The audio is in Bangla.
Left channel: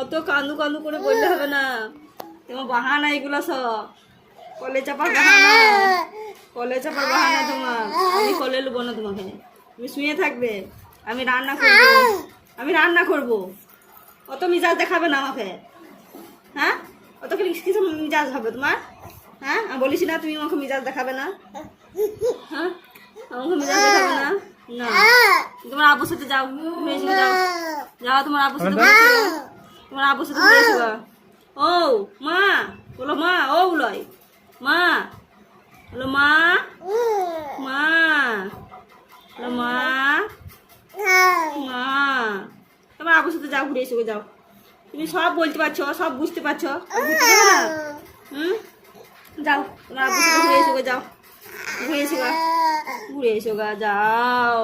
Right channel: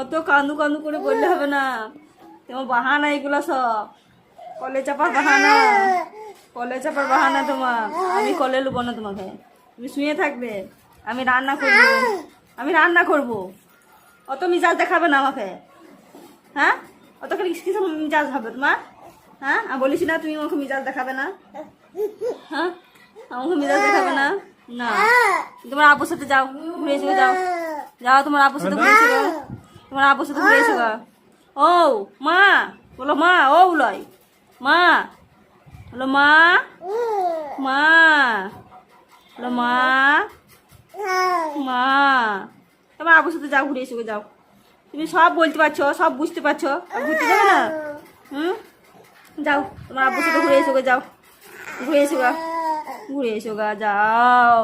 অত কান্দু কান্দু করে বললে হবে না, তোমার বাহানা এগুলো সব কলে চাপার বাহানা, কলে চাপার বাহানা তোমার। আমি কলে নেবো না তোমাকে, তুমি শুয়ে থাকবে, আমি রান্না করবো, আমি রান্না করবো। অত মিজাজ দেখাবে না আমাকে, হ্যাঁ? অত কিছু মিজাজ হবে তোমার, হ্যাঁ? আমি বলিস না তুমি আমাকে মিজাজ দেখাবে না, হ্যাঁ? আমাকে মিজাজ দেখাবে না। না, তোমার আব্বুর সাথে যাও, ঘুরে এসো, যাও যাও, তোমার আব্বুর সাথে ঘুরে এসো, তোমার আব্বুর সাথে ঘুরে এসো। ও মা, বলো মা, ও লয় মা, বলো মা, মা, বলো মা, মা। তোমার আব্বুর সাথে যাও, ঘুরে এসো, যাও। তুমি সব বলতে পারছো, সব বুঝতে পারছো, বুঝতে পারো না? হুম, যাও তোমার আব্বুর সাথে ঘুরে এসো, যাও, ঘুরে এসো গা, ঘুরে এসো গা, যাও।